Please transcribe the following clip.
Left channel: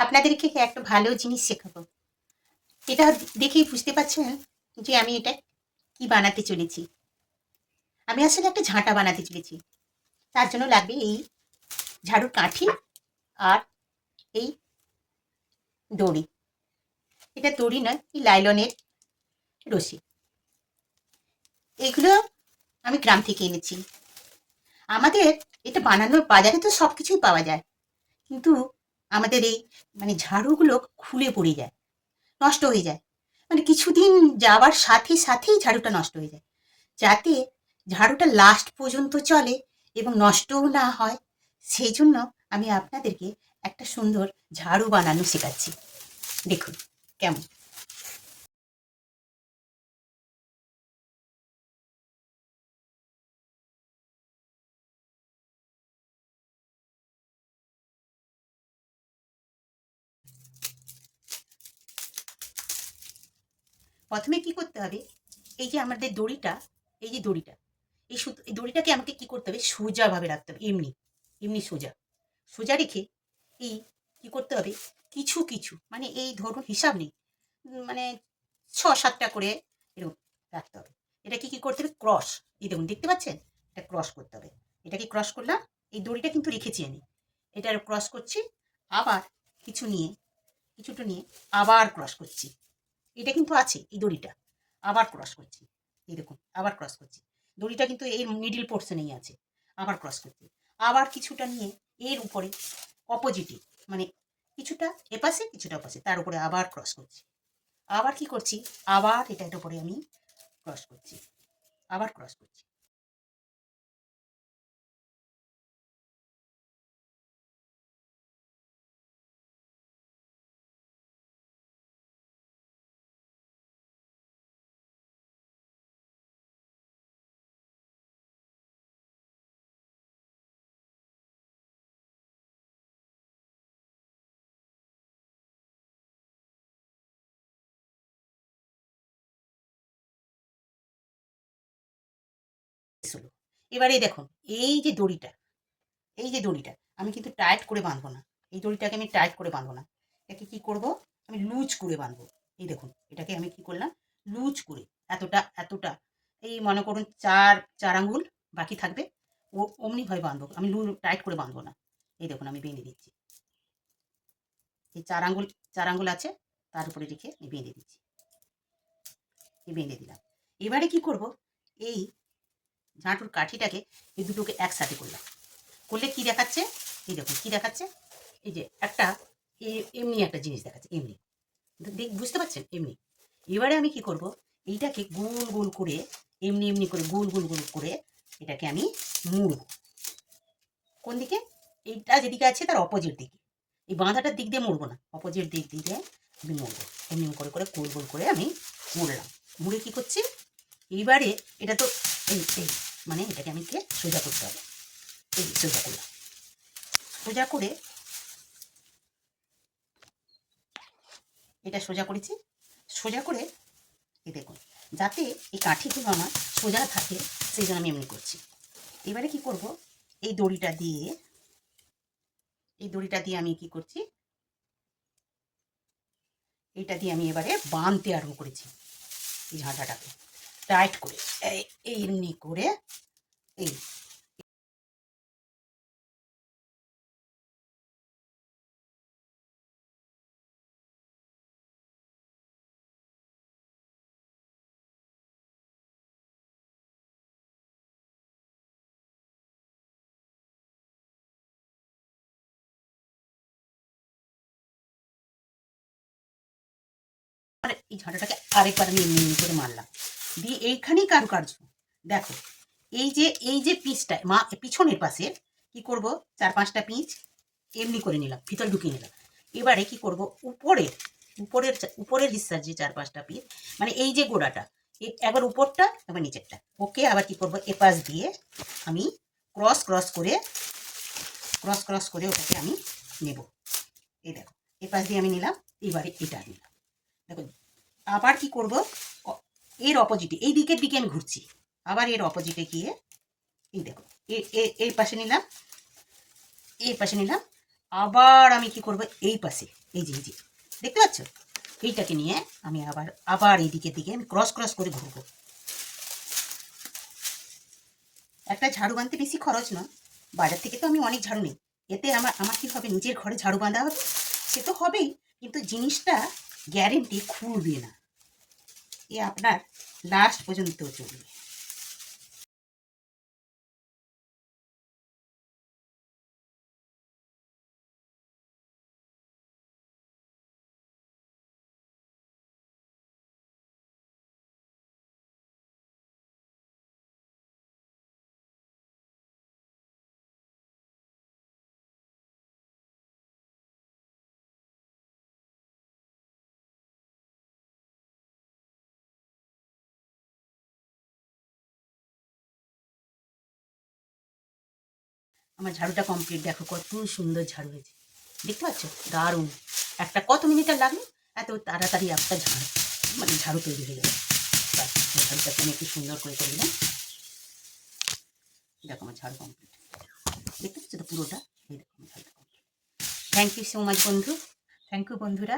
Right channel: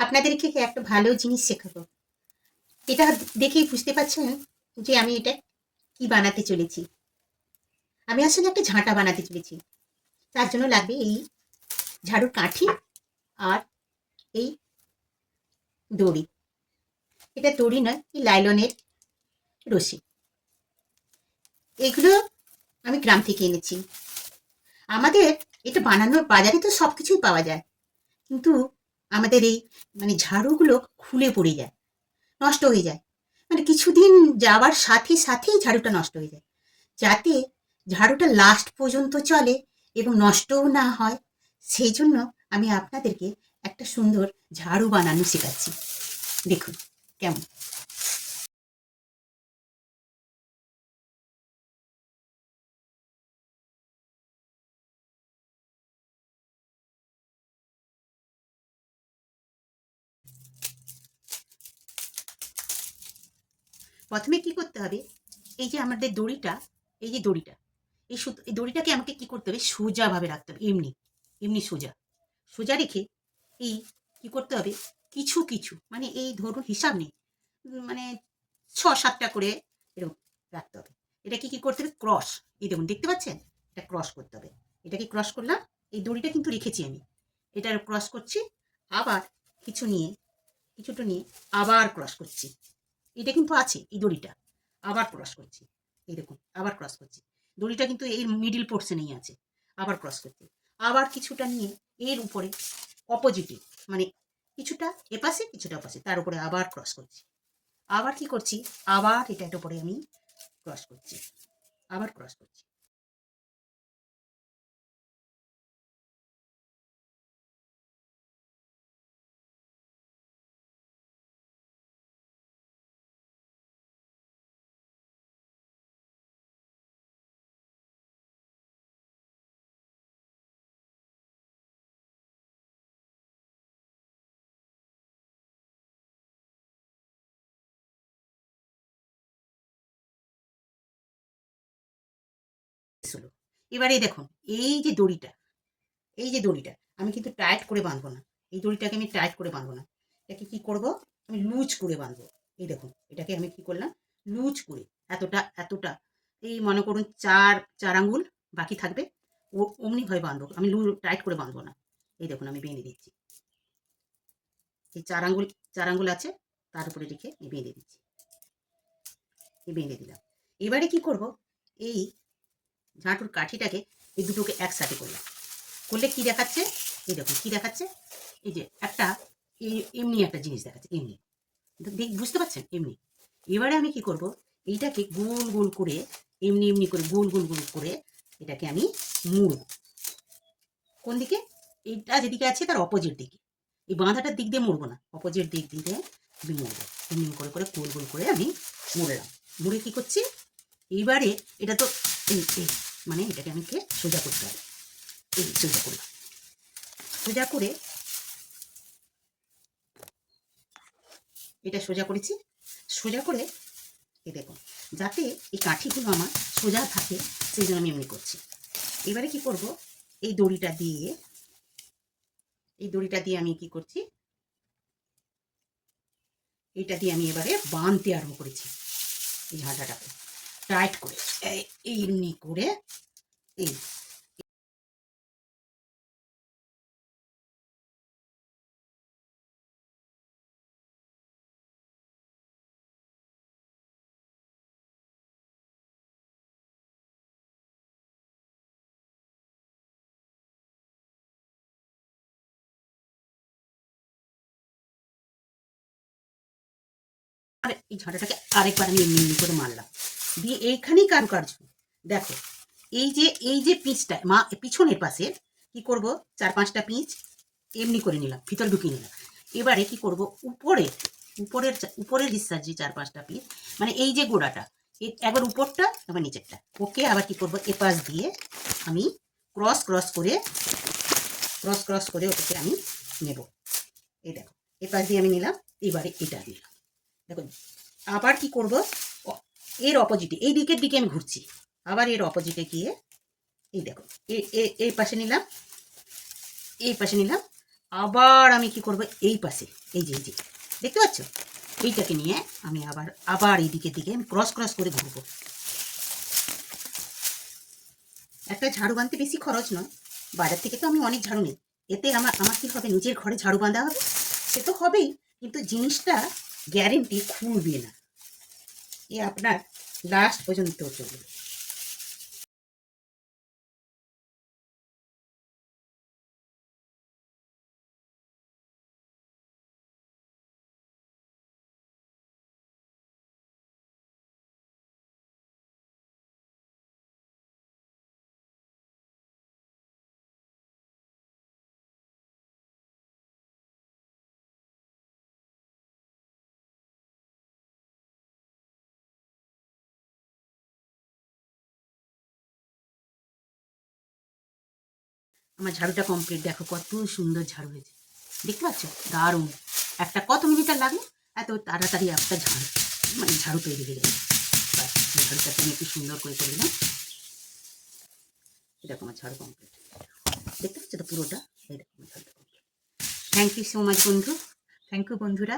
আপনাদেরকে একটা ভালো জিনিস শেখাবো। এটা দেখেই বুঝতে পারছেন যে আমি এটা কি বানাতে চলেছি। আমি আসলে একটা ঝাঁটা বানাতে চলেছি। তার জন্য লাগবে এই ঝাড়ুর কাঠি আর এই দড়ি। এটা দড়ি নয়, এই লাইলনের রশি। এগুলো আমি গ্রাম থেকে এনেছি। আমাদের এটা বানানোর বাজারে তো সব কিছুই পাওয়া যায়, কিন্তু আমাদের এই ঝাড়ুগুলো খুলে পড়ে যায়, নষ্ট হয়ে যায়। কিছুদিন যাওয়ার সাথে সাথেই ঝাড়ুটা নষ্ট হয়ে যায়। যাতে ঝাড়ুটা লাস্ট পর্যন্ত চলে এবং নষ্টও না হয়, সেই জন্য আমি আপনাদেরকে একটা সুন্দর ঝাড়ু বানানো শেখাচ্ছি। দেখুন কেমন। প্রথমে কি করতে হবে, এই যে আমাদের দড়িটা, এই যে দড়িটা, এই দড়িটাকে আমাকে কি করতে হবে, সোজাভাবে রাখতে হবে। এমনি এমনি সোজা সোজা রেখে এই কি করতে হবে, কিছু কিছু এই ধরুন হিসাব নেই, মানে ৬-৭টা করে এরকম রাখতে হবে। এটা কি কি করতে হবে, ক্রস। এই দেখুন, দেখতে পাচ্ছেন, এটা ক্রস করতে হবে। এটা কি ক্রস করলাম, এই দড়িটা কিন্তু রেখেছি আমি, এটা ক্রস করছি। আবার কিছু নিয়ে, কিছুটা নিয়ে আবার ক্রস করছি। এটা কিন্তু আছে এই দড়িটা, আবার ক্রস করছি। এই দেখুন, আবার ক্রস করছি। দড়িটা কিন্তু এই মিডিল পোর্শনেই আছে। আবার ক্রস করছি। আবার কিছুটা নিয়ে এর উপরে অপোজিটে, মানে কিছুটা এপাশে কিছুটা ওপাশে, তার উপরে আবার ক্রস করছি। আবার কি করছি, আবার এটার উপরে আমি ক্রস করছি, আবার ক্রস করছি। হলো। এবারে দেখুন, এই যে দড়িটা, এই যে দড়িটা আমি কিন্তু টাইট করে বাঁধবো না। এই দড়িটাকে আমি টাইট করে বাঁধবো না। এটাকে কি করব, আমি লুজ করে বাঁধবো। এই দেখুন, এটাকে আমি কি করলাম, লুজ করে, এতটা এতটা, এই মনে করুন চার চার আঙ্গুল বাকি থাকবে, ও অমনিভাবে বাঁধবো আমি, টাইট করে বাঁধবো না। এই দেখুন, আমি বেঁধে দিচ্ছি। এই চার আঙ্গুল আছে, তার উপরে রেখে আমি বেঁধে দিচ্ছি। এই বেঁধে দিলাম। এবারে কি করব, এই ঝাঁটুর কাঠিটাকে এই দুটোকে একসাথে করলাম। করলে কি দেখাচ্ছে, এই দেখুন কি দেখাচ্ছে, এই যে একটা এমনি একটা জিনিস দেখাচ্ছে, এমনি। বুঝতে পারছেন, এমনি। এবারে আমি কি করব, এইটাকে গোল গোল করে, এমনি এমনি করে গোল গোল গোল করে এটাকে আমি মুড়ব। কোন দিকে, এইটা যেদিকে আছে তার অপোজিট দিকে। এই বাঁধাটার দিক দিয়ে মুড়বো না, অপোজিট দিক দিয়ে আমি মুড়বো। এমনি করে করে গোল গোল করে আমি মুড়লাম। মুড়ে কি করছি, এইবারে এটা তো এই এই এটাকে আমি সোজা করতে হবে। এই সোজা করে, সোজা করে, এটা সোজা করেছি। সোজা করে এই দেখুন, যাতে এই কাঠিগুলো আমার সোজা থাকে, সেই জন্য আমি এমনি করছি। এবারে কি করব, এই দড়িটা দিয়ে, এই দড়িটা দিয়ে আমি কি করছি, এটা দিয়ে আমি এবারে বাঁধতে আরম্ভ করেছি এই ঝাঁটাটাকে টাইট করে, এই এমনি করে। এই এই ঝাঁটাটাকে আরেকবার আমি এমনি এমনি করে মারলাম, দিয়ে এইখানেই কারুকার্য। দেখো, এই যে পিচটা পিছনের পাশে কি করব, 4-5টা পিচ এমনি করে নিলাম, ভিতর ঢুকিয়ে নিলাম। এবারে কি করব, উপরের হিস্সার যে 4-5টা পিচ, এই যে গোড়াটা, একবার উপরটা একবার নিচেরটা, ওকে আবার কি করব, এপাশ দিয়ে আমি ক্রস ক্রস করে, ক্রস ক্রস করে ওটাকে আমি নেব। এই দেখো, এপাশ দিয়ে আমি নিলাম, এবারে এটা নিলাম। দেখো, আবার কি করব, এর অপোজিটে, এই দিকের দিকে আমি ঘুরছি, আবার এর অপোজিটে গিয়ে এই দেখো, এই পাশে নিলাম, এই পাশে নিলাম, আবার আমি কি করব, এই পাশে এই যে দেখতে পাচ্ছ, এইটাকে নিয়ে আমি আবার আবার এই দিকে দিকে আমি ক্রস ক্রস করে ঘুরবো। একটা ঝাড়ু বাঁধতে বেশি খরচ নয়, বাজার থেকে তো আমি অনেক ঝাড়ু নিই। এতে আমার আমার কি হবে, নিজের ঘরে ঝাড়ু বাঁধা হবে, সে তো হবেই, কিন্তু জিনিসটা গ্যারেন্টি খুলবে না, এ আপনার লাস্ট পর্যন্ত চলবে। আমার ঝাড়ুটা কমপ্লিট, দেখো কত সুন্দর ঝাড়ু হয়েছে, দেখতে পাচ্ছ, দারুণ। একটা কত মিনিট আর লাগলো, এত তাড়াতাড়ি একটা ঝাড়ু মানে ঝাড়ু তৈরি হয়ে গেছে। ঝাড়ুটাকে আমি একটু সুন্দর করে করি না, এরকম আমার ঝাড়ু কমপ্লিট, দেখতে পাচ্ছ তো পুরোটা, এই দেখো আমার ঝাড়ুটা complete. Thank you so much বন্ধু, থ্যাংক ইউ বন্ধুরা।